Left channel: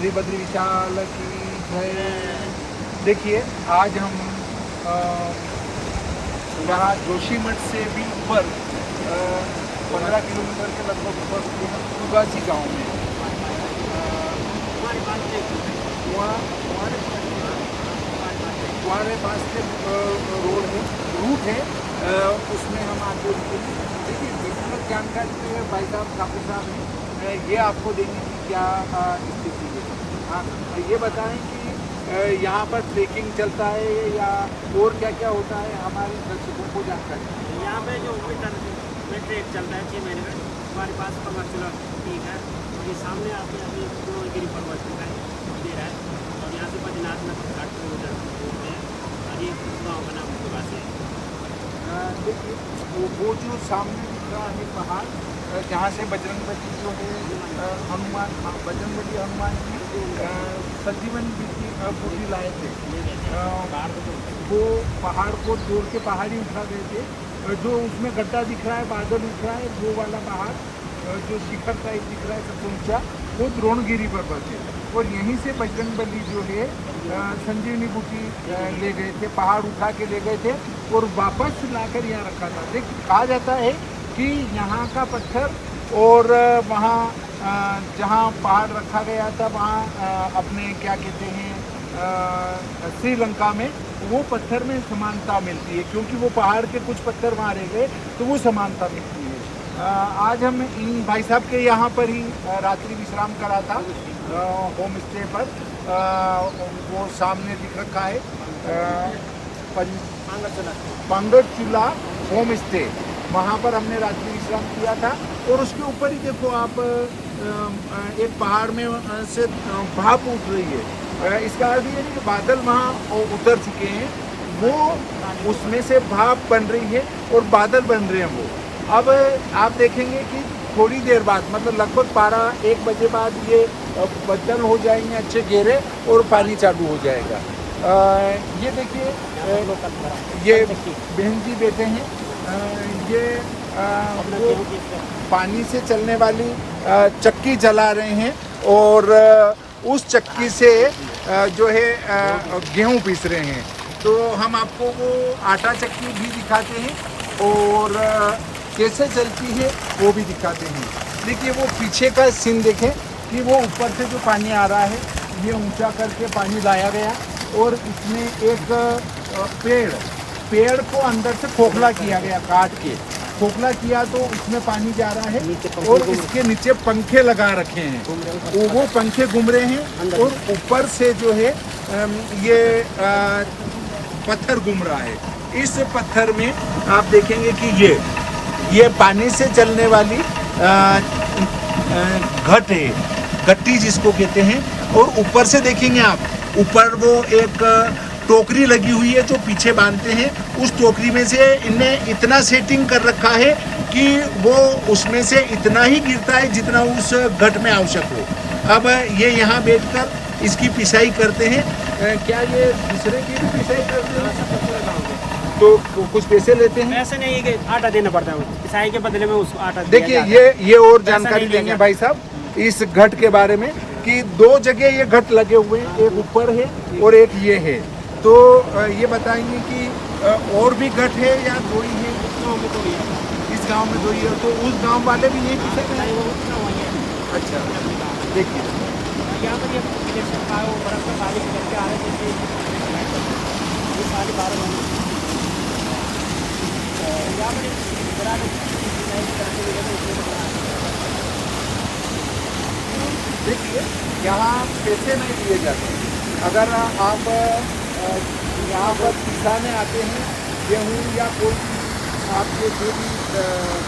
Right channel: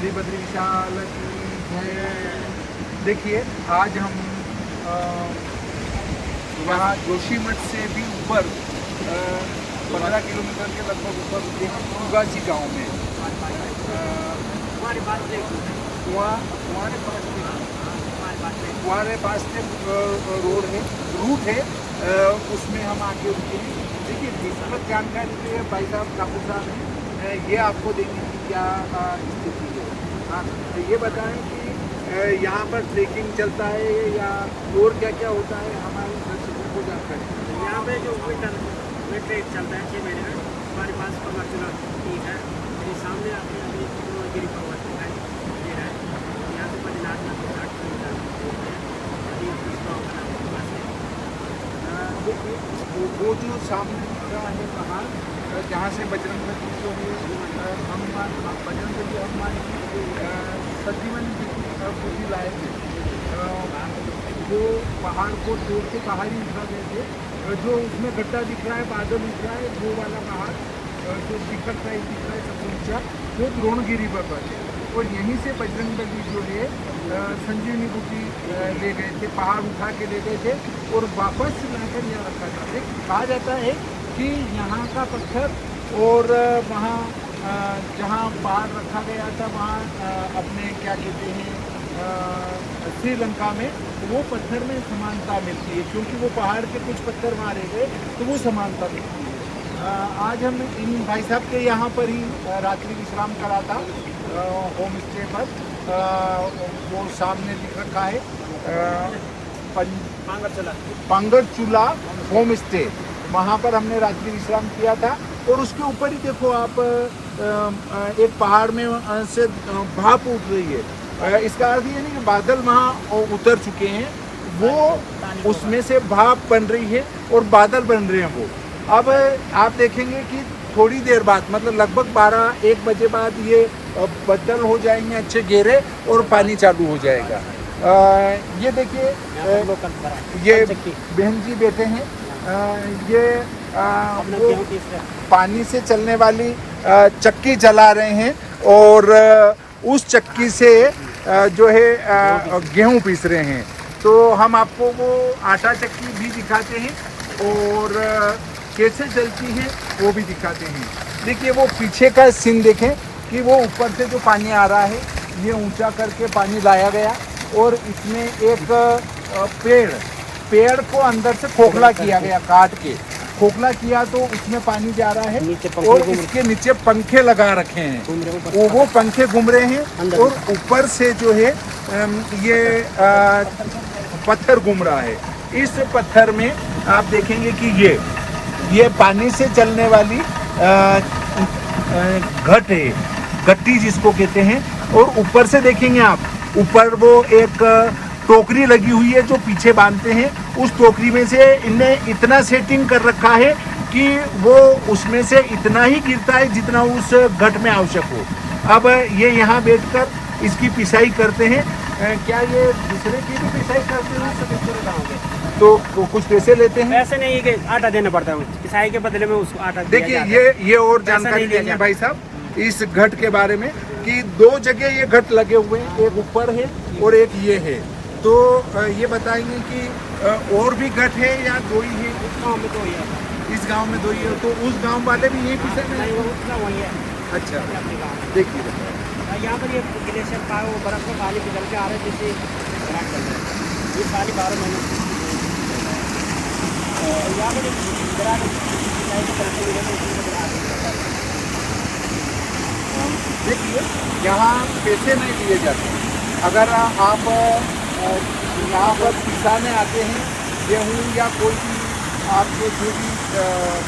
श्री बद्री विशाल की जय। देखिए आज हम यहाँ जोशीमठ से भी ऊपर 15 किलोमीटर के लगभग ऊपर रुके हैं कुगाची गांव में। कुआरे पास से रोड है, रूट है, उसमें हम आके रुके हैं। देखिए विस्तृत जानकारी तो ये भाई साहब ठाकुर साहब हैं, ये आपको देंगे क्या स्थिति है। हाँ ये बताएं कि यहाँ पर ट्रेकिंग चलता है या और क्या क्या होता है, हमारे दर्शकों को जानकारी। यहाँ पे जो विंटर में ट्रेक चलता है 6 महीने का, हमारे पास 15 किलो ठीक है। और ये सामने आपने अभी द्रोणगिरी पर्वत दिखाई दे रहा है और यहाँ से बद्रीनाथ में 60 किलोमीटर दूर है। अभी इस गाँव का नाम कुगाची है। देखिए वो जो सामने दिख रहा है पहाड़, जहाँ से बजरंगबली जो है हनुमान, बजरंगबली हनुमान की संजीवनी जी की पूरी लाए थे। वो पहाड़ को तोड़ के पहाड़ी उठा गए थे। जो उसमें गड्ढा दिख रहा है, बादल दिख रहा है, वो वाला पहाड़ जो शिखर टाइप दिख रहा है सबसे ऊंचा, वो द्रोणगिरी पर्वत है। और यहीं से बजरंगबली जो है संजीवनी बूटी ले गए थे, पहाड़ उठा के ले गए थे और वापस लाकर यहाँ रखा था। देख कहा जाता है कि यहाँ का पत्थर और वहाँ जहाँ पहाड़ रखा गया था वहाँ अपने क्या कहते हैं श्रीलंका में, वो पत्थर में समानता मिलती है, क्योंकि वो पहाड़ के कुछ पत्थर वहाँ रह गए तो वो समानता मिलती है। आज हम इन भाई साहब के यहाँ पर ही रात्रि विश्राम करा था, होम स्टे पर। वो सामने दिख रखा है पांगरचूला होम स्टे, वहाँ पर हमने रात्रि विश्राम किया था। और उसके ऊपर ही देखो आप एक पहाड़ में से भाप उठ रही है। इसका अर्थ ये नहीं कि बादल वहाँ उतर चुके हैं, वो उसमें से भाप बन रही है और बादल बन रहे हैं वो। अब आप देखेंगे कि थोड़ी देर बाद, मतलब लगभग 12-1 बजे बाद ये बदल हो जाएंगे अच्छे गहरे और पानी चालू हो जाएगा। ये देखिए ये बहन जी बैठे हैं, ये वो पानी से चलने वाली चक्की जला रहे हैं और उस चक्की से जो है गेहूँ पीस रहे हैं। तो हम आपको वो आटा चक्की भी दिखाते हैं और कैसे चलती है वो भी दिखाते हैं। देखिए वो पीछे का सीन देखें कि वो ऊपर से जो पानी आ रहा है, ये ऊंचा करके पानी लाया गया और इसमें एक पेड़ को अंदर से खोखला किया गया, काट के खोखला किया तो उसमें पानी जा रहा है और इसके नीचे पंखे लगा रखे हैं। वो पंखे घूम रहे हैं और ऊपर से जो है ये पत्थर घूम रहा है। इस पत्थर में आप देखेंगे कि ये पानी से चलने वाली घट है, घट्टी जिसको कहते हैं। और ऊपर से देखेंगे आप, ऊपर वो एक टोकरी लगी हुई है जो पीछे बांधते हैं। उस टोकरी में से इन्हें इतना सेटिंग कर रखा है कि वो उसमें से इतना ही गिरता है जितना उस घट में आवश्यक हो। अब ये यहाँ बैठकर इसकी पिसाई करते हैं। क्या ये दूसरे की भी पिसाई करते हैं? तो कुछ पैसे लेते हैं? ऐसा नहीं है कि आटा देना पड़ता है, पिसाई के बदले में उसको आटा। देखिए ये और जानकारी देंगे भाई साहब इस घट के बारे में कि 2 जगह ये घट लगे हुए हैं, एक ऊपर है और एक ये है। तो ये बताएंगे कि और भी घट है या 2 ही है? इस गाँव में 2 ही है। इस गांव में 2 ही है, तो उस गांव वाले भी यही पिसा रहे नहीं, हैं? वो उसका वही है। अच्छा, अपने गाँव में देखिए यहाँ पर ये ग्लेशियर का वो बर्फ का पानी पिघल के आ रहा है, जिससे यहाँ पैसे नहीं लिए जाते। अगर आप यहाँ पर किसाने आते हैं गेहूँ या कोई आपको जो भी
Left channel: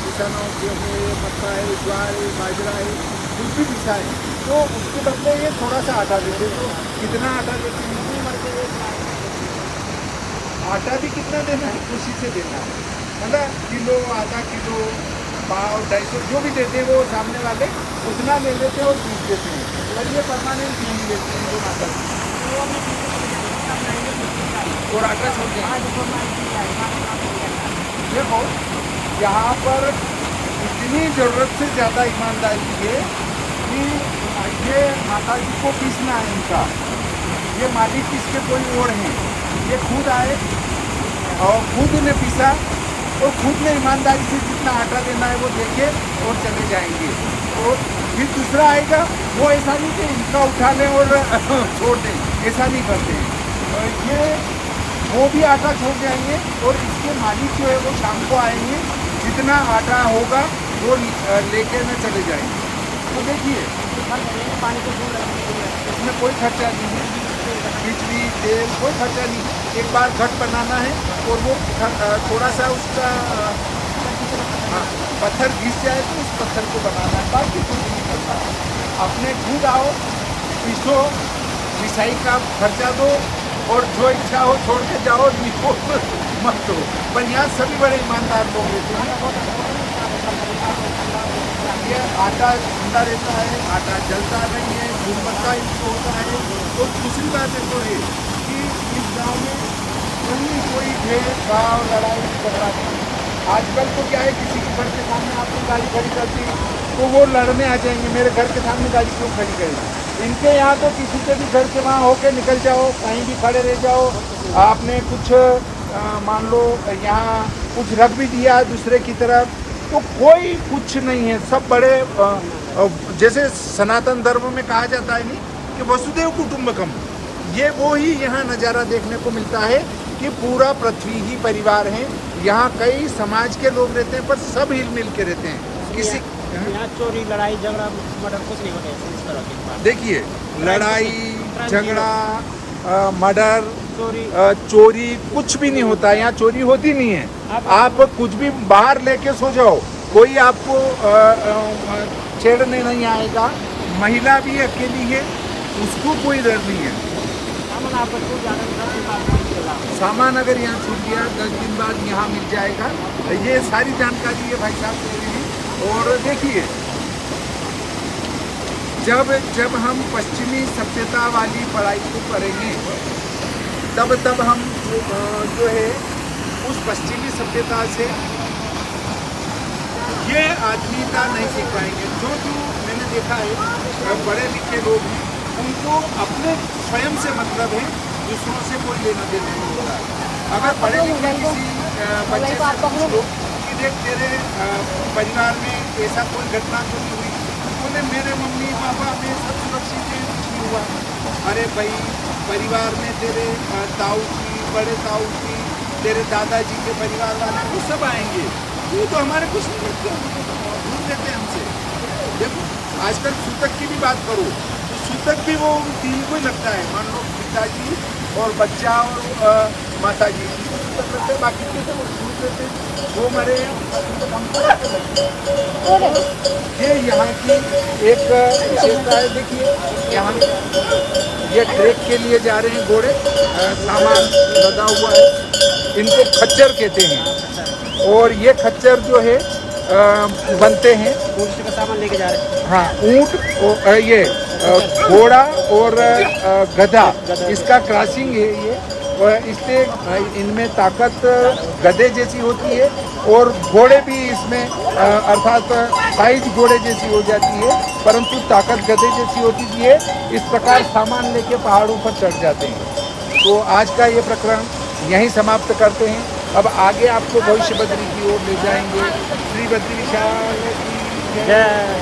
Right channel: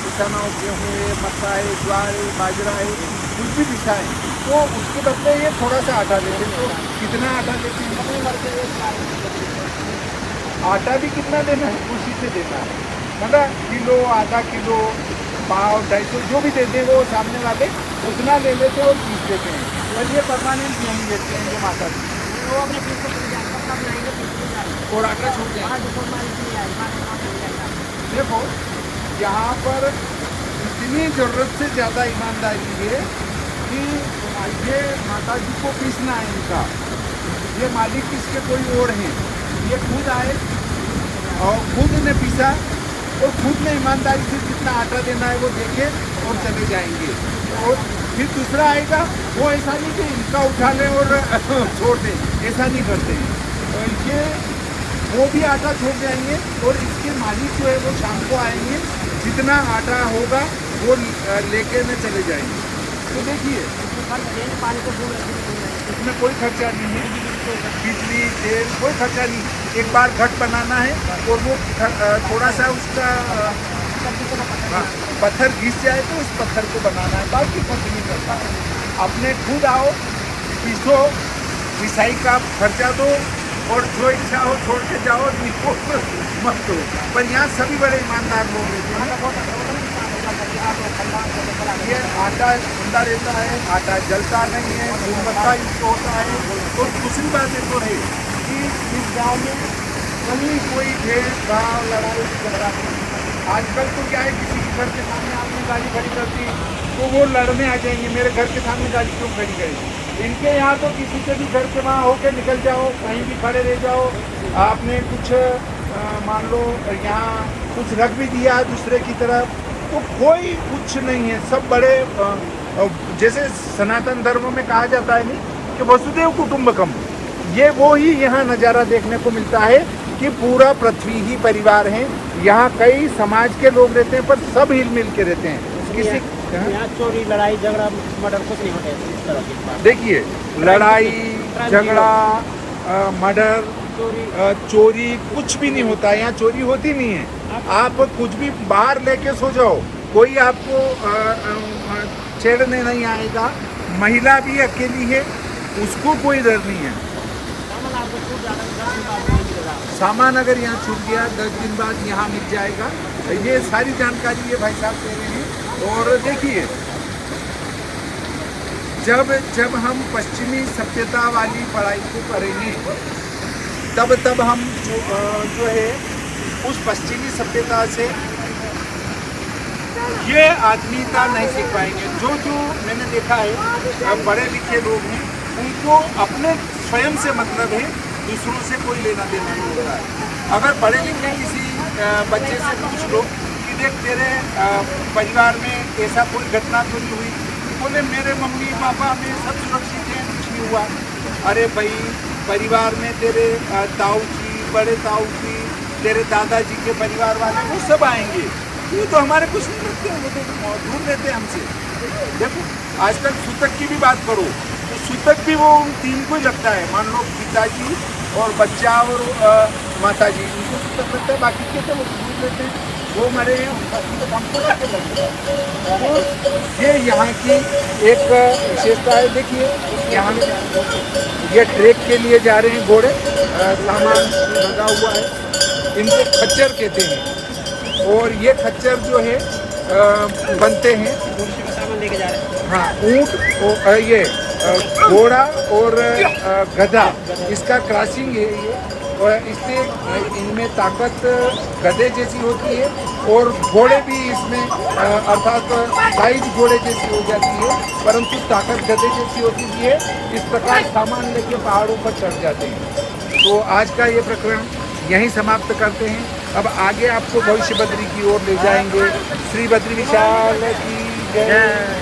किसानों गेहूँ, मक्का है, ज्वार है, बाजरा है, कुछ भी किसान है, तो इसके बदले ये थोड़ा सा आटा देते हैं। तो कितना आटा देते हैं? आटा भी कितना देना है? खुशी से देना है, मतलब किलो, आधा किलो, पाव, 250 जो भी देते हैं वो सामने वाले उतना ले लेते हैं और पीस देते हैं। और ये परमानेंट नहीं देते हैं उनको माता वो अपने पीछे चले जाएगा, अपना बनाएंगे पीछे जाएंगे और आटा छोड़ जाए। हाँ, जो फॉर्मेलिटी नहीं आएगी, मार्केट काम नहीं जाएगा। देखो यहाँ पर इतनी ज़रूरत से ज़्यादा ईमानदारी है कि ये माता जी को पीसना है इनका, ये मालिक इसके कोई और हैं, ये खुद आए और खुद उन्हें पीसा और खुद ने ईमानदारी से जितना आटा देना है वो देखे और चले जाएंगे। और फिर दूसरा आएगा, वो ऐसा नहीं कि इनका उठा लें और छोड़ दें, ऐसा नहीं करते हैं। ये वो भी आटा छोड़ जाएंगे और इसके मालिक जो है वो शाम को आएंगे, जितना आटा होगा वो लेके में चले जाएंगे। तो देखिए इसमें खर्च नहीं है, पानी तो घूम रहे हैं। उसमें कोई खर्चा नहीं है, बिजली तेल कोई खर्चा नहीं। एक बार घट बनाना है और वो थोड़ा सा उसका पत्थर घिस जाए तो उस पत्थर को बनाना है, बाकी कुछ नहीं करना है। अपने खुद आओ, पीसो, पिसाई का खर्चा दो और जो इच्छा हो छोड़ के जाओ, निको मत दो। पर यहाँ सभी बड़े ईमानदार लोग रहते हैं। ये आटा ठंडा रहता है, आटा जलता नहीं है, गुणवत्ता इसको होता है। और दूसरी बात देखो है कि इस गांव में कहीं कोई भेदभाव लड़ाई झगड़ा नहीं। आजकल तो क्या है, किसी के घर के सामने आपने गाड़ी खड़ी कर दी तो वो लड़ने आ जाएंगे, मेरे घर के सामने गाड़ी क्यों खड़ी गई। इनके यहाँ तो किसी के भी घर के वहाँ होके निकल जाओ, कहीं भी खड़े रह जाओ, आपने कुछ मान लो यहाँ कुछ रख भी दिया दूसरे की तरफ तो कोई कुछ नहीं है। सब बड़े जैसे सनातन धर्म में कहा जाता है नहीं कि वसुदेव कुटुंबकम, ये वो ही यहाँ नज़ारा देखने को मिलता है कि पूरा पृथ्वी ही परिवार है। यहाँ कई समाज के लोग रहते हैं पर सब हिल मिल के रहते हैं। किसी यहाँ चोरी लड़ाई झगड़ा मर्डर कुछ नहीं है इस तरह की। देखिए लड़ाई झगड़ा मर्डर चोरी कुछ भी नहीं होता है, यहाँ चोरी होती नहीं है। आप कुछ भी बाहर लेके सो जाओ, कोई आपको छेड़ने नहीं आएगा। महिला भी अकेली है, उसको कोई डर नहीं है। सामान आपको छूट जाने में 10 दिन बाद वहीं मिलेगा। सामान अगर यहाँ छूट गया 10 दिन बाद यहाँ मिल जाएगा। ये सारी जानकारी ये भाई साहब दे रहे हैं। और देखिए जब हम पश्चिमी सभ्यता वाली पढ़ाई को करेंगे तब हम जो है उस पश्चिमी सभ्यता से ये आत्मीयता नहीं सीख पाएंगे। जो मैंने देखा है बड़े लिखे लोग हैं, उनको अपने स्वयं से मतलब है, दूसरों से कोई लेना देना नहीं होता है। अगर पढ़े लिखे किसी बच्चे से पूछ लो कि देख तेरे परिवार में ऐसा कोई घटना तो नहीं हुई, बोले मेरे मम्मी पापा में सब सुरक्षित हैं, कुछ नहीं हुआ। अरे भाई परिवार में तेरे ताऊ जी, बड़े ताऊ जी, तेरे दादाजी के परिवार वाले वो सब आएंगे, वो तो हमारे कुछ नहीं लगते हैं, वो तो दूर रहते हैं हमसे। देखो आजकल सूतक की भी बात करो तो सूतक भी वो उन तीन को ही लगता है, मान लो पिताजी और बच्चा और माता जी, उनको सूतक लगता है, बाकी के तो वो हमारे। ये यहाँ की एक विशेषता है। देखिए यहाँ ये ट्रैक के लिए जा रहे हैं घोड़े, सामान लगा हुआ है, इनको खच्चर कहते हैं। और ये खच्चर जो है बनते हैं, सामान लेके जा रहे हैं। हाँ ऊँट, ये घोड़ा और गधा, इसका क्रॉसिंग है ये। और इससे इनमें ताकत गधे जैसी होती है और घोड़े भी इसमें अर्थात साइज घोड़े जैसी हो जाती है, परंतु ताकत गधे जैसी होती भी है। इस प्रकार सामान लेके पहाड़ों पर चढ़ जाते हैं। तो आज का ये प्रकरण यहीं समाप्त करते हैं। अब आगे आपको भविष्य बद्री की ओर ले जाएंगे। श्री बद्री विशाल की जय।